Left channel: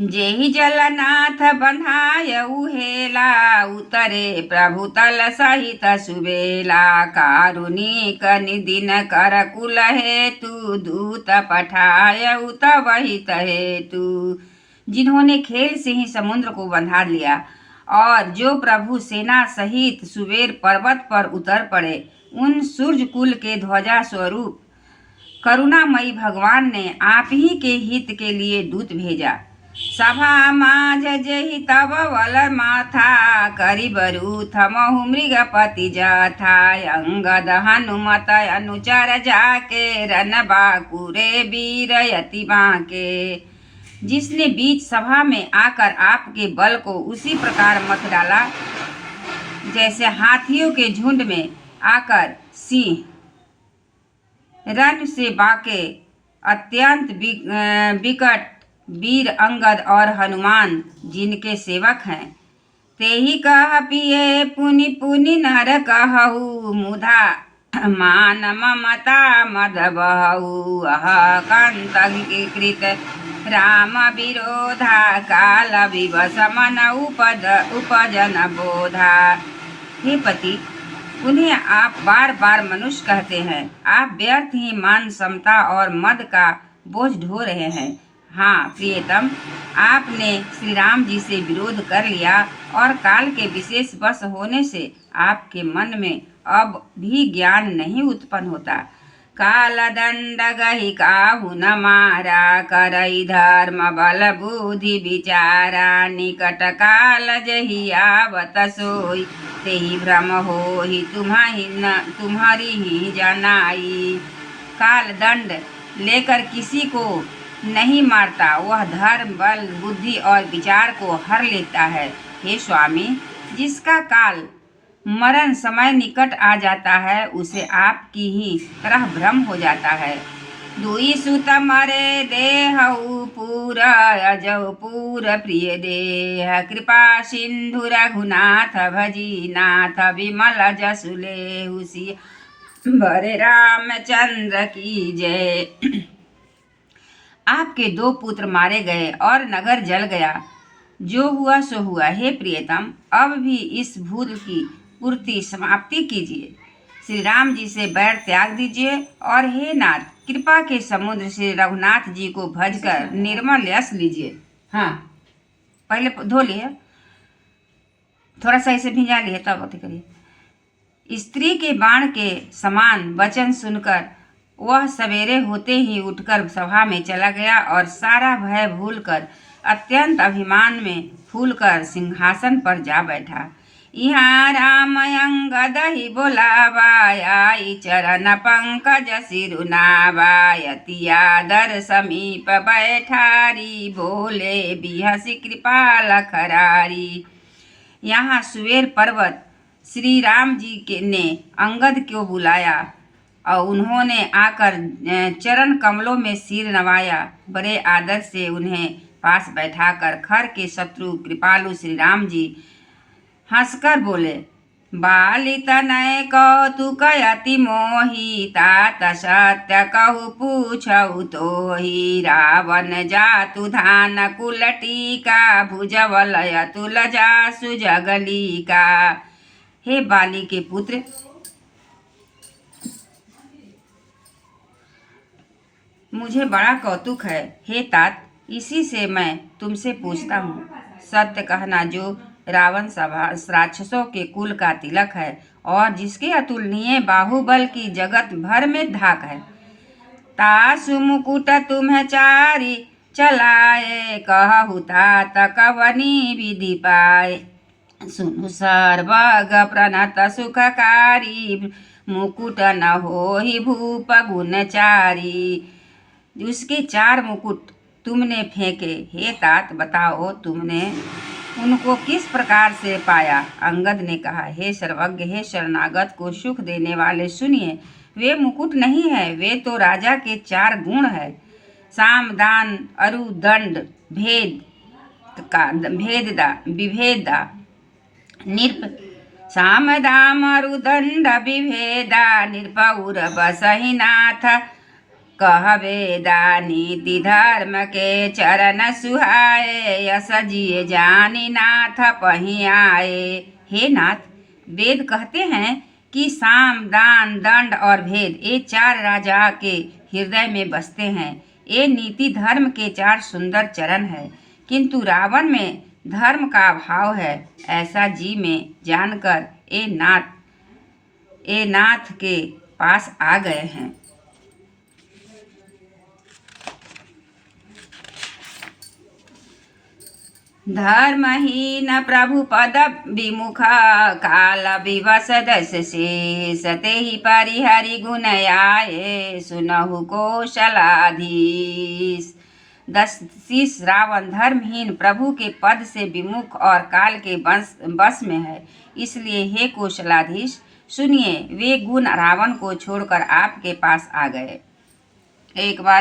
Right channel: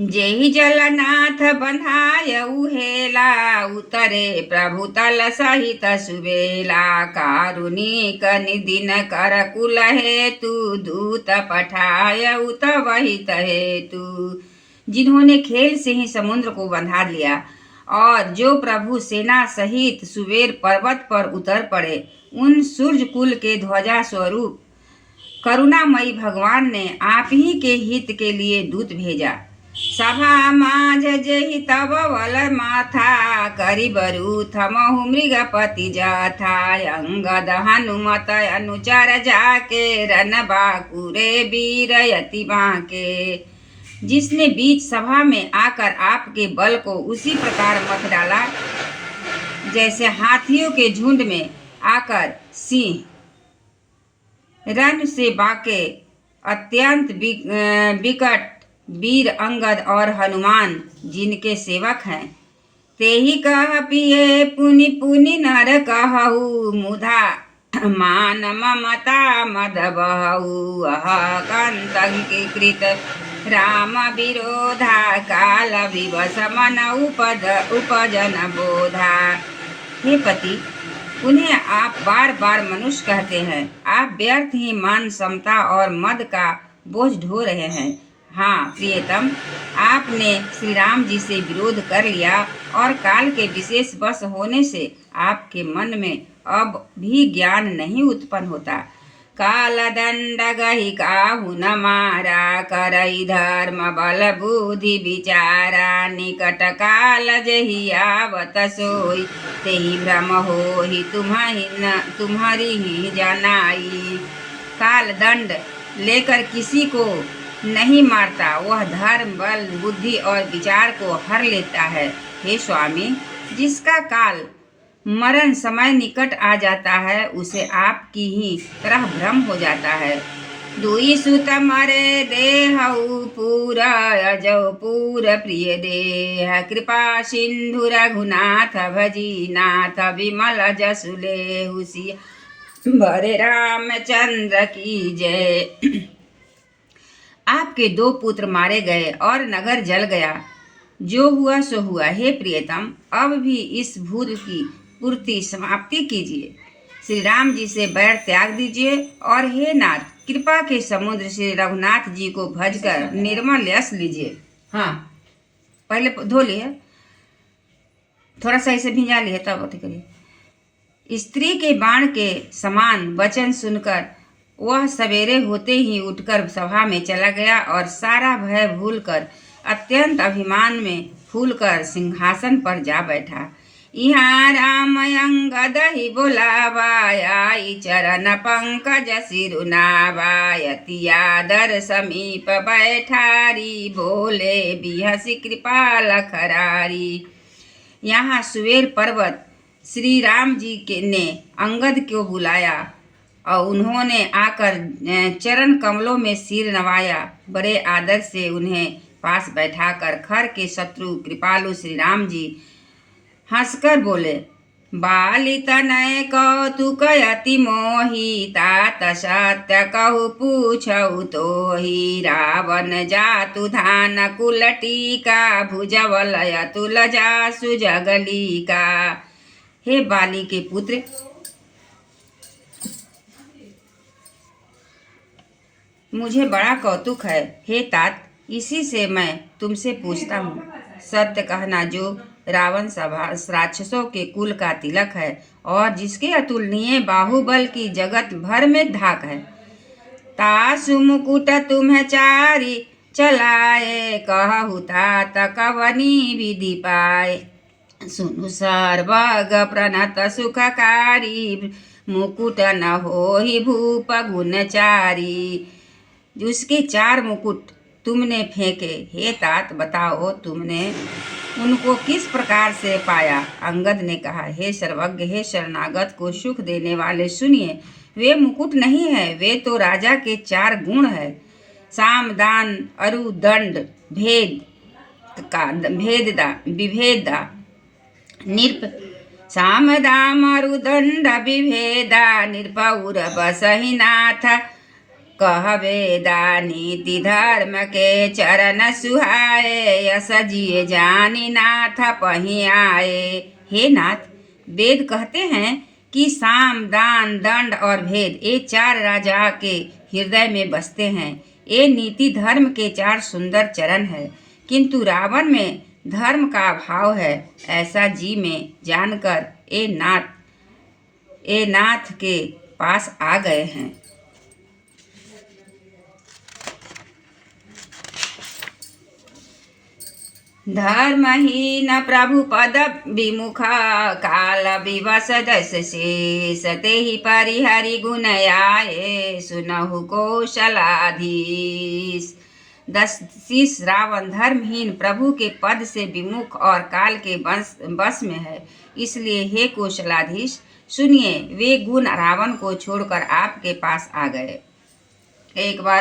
जेहि जलनाथ बंधाय उहेला, उतरे प्रभु तल सहित सुबेला। कारुणिक निदिन कर कुल हेतु, दूत पठाय उत वहित हेतु। जिन्होंने खेल से ही समुद्र को बंधा लिया और जो प्रभु सेना सहित सुबेर पर्वत पर उतर पड़े, उन सूर्य कुल के ध्वजा स्वरूप करुणामयी भगवान ने आप ही के हित के लिए दूत भेजा। सभा माझ जेहि तब वल माथा, करिबरु थमहु मृगपति जथा। अंगद हनुमत अनुचर जाके, रन बाकुरे वीर यति बांके। जिसने बीच सभा में आकर आपके बल को उसी प्रकार मत डाला जैसे हाथियों के झुंड में आकर सिंह रन से बाके। अत्यंत विकट वीर अंगद और हनुमान जिनके सेवक हैं। तेहि कह पिए पुनि पुनि नर कहु, मुधा मान ममता मद बहु। अह कंत कृत राम विरोधा, काल विवश मन उपजन बोधा। हे पति, उन्हें आप बार बार मनुष्य कहते हैं। आप व्यर्थ ही मान समता और मद का बोझ ढो रहे हैं। हाँ प्रियतम, आपने श्री राम जी से विरोध कर लिया और काल के विशेष वश होने से आपके मन में अब भी ज्ञान नहीं उत्पन्न होता। काल दंड गहि काहू न मारा, करई धर्म बल बुद्धि विचारा। निकट काल जेहि आवत सोई, तेहि भ्रम होहि तुम्हारी ही जनाई। काल दंड लेकर किसी को नहीं मारता, वह धर्म बल बुद्धि और विचार को हर लेता है। हे स्वामी, जिसका काल मरण समय निकट आ जाता है, उसे आपकी ही तरह भ्रम हो जाता है। दुई सुत मरे देहु पूर, अजौ पूर प्रिय देह। कृपा सिंधु रघुनाथ भजी, नाथ विमल जसु लेहु सिय। बरे रामचंद्र की जय। आपके 2 पुत्र मारे गए और नगर जल गया। जो हुआ सो हुआ। हे प्रियतम, अब भी इस भूल की पूर्ति समाप्ति कीजिए। श्री राम जी से बैर त्याग दीजिए और हे नाथ, कृपा के समुद्र श्री रघुनाथ जी को भजकर निर्मल यश लीजिए। हाँ, पहले धो लिए, थोड़ा सा इसे भिंजा लिए, तब अति करिए। स्त्री के बाण के समान वचन सुनकर वह सवेरे होते ही उठकर सभा में चला गया और सारा भय भूलकर अत्यंत अभिमान में फूलकर सिंहासन पर जा बैठा। यहाँ राम अंगद ही बोलावाई, चरण पंकज सिरुनावाय। अति आदर समीप बैठारी, बोले बिहसी कृपाल खरारी। यहाँ सुवेर पर्वत श्री राम जी ने अंगद को बुलाया और उन्होंने आकर चरण कमलों में सिर नवाया। बड़े आदर से उन्हें पास बैठाकर खर के शत्रु कृपालु श्री राम जी हंसकर बोले, बाली तनय कौतुक अति मोहि, तात सत्य कहु पूछऊ तोहि। रावण जातु धान कुल टीका, भुजबल अतुल जासु जगलीका। हे बाली के पुत्र, मुझे बड़ा कौतुक है। हे तात, इसी से मैं तुमसे पूछता हूँ। सत्य कहना, जो रावण सभा राक्षसों के कुल का तिलक है और जिसके अतुलनीय बाहुबल की जगत भर में धाक है। तासु मुकुट तुम्हें चारी चलाए, कहु तात कवनी विधि पाए। सुनु सर्वग प्रणत सुखकारी, मुकुट न होहि भूप गुणचारी। उसके 4 मुकुट तुमने फेंके। हे तात, बताओ तुमने उनको किस प्रकार से पाया। अंगद ने कहा, हे सर्वज्ञ, हे शरणागत को सुख देने वाले, सुनिए। वे मुकुट नहीं है, वे तो राजा के 4 गुण है। साम दान अरु दंड भेद का विभेदा निरप। साम दाम अरु दंड विभेदा, निरपौर बसहि नाथ। कहबे दानीति धर्म के चरण सुहाए, यस जिए जानी नाथ पही आए। हे नाथ, वेद कहते हैं कि साम, दान, दंड और भेद ये 4 राजा के हृदय में बसते हैं। ये नीति धर्म के 4 सुंदर चरण है, किंतु रावण में धर्म का अभाव है, ऐसा जी में जानकर ये नाथ के पास आ गए हैं। धर्महीन प्रभु पद विमुख, काल विवश दस शेष, तेहि परिहरि गुण आए, सुनहु कौशलाधीश। 10 शीश रावण धर्महीन, प्रभु के पद से विमुख और काल के बस में है। इसलिए हे कौशलाधीश, सुनिए, वे गुण रावण को छोड़कर आपके पास आ गए। एक बार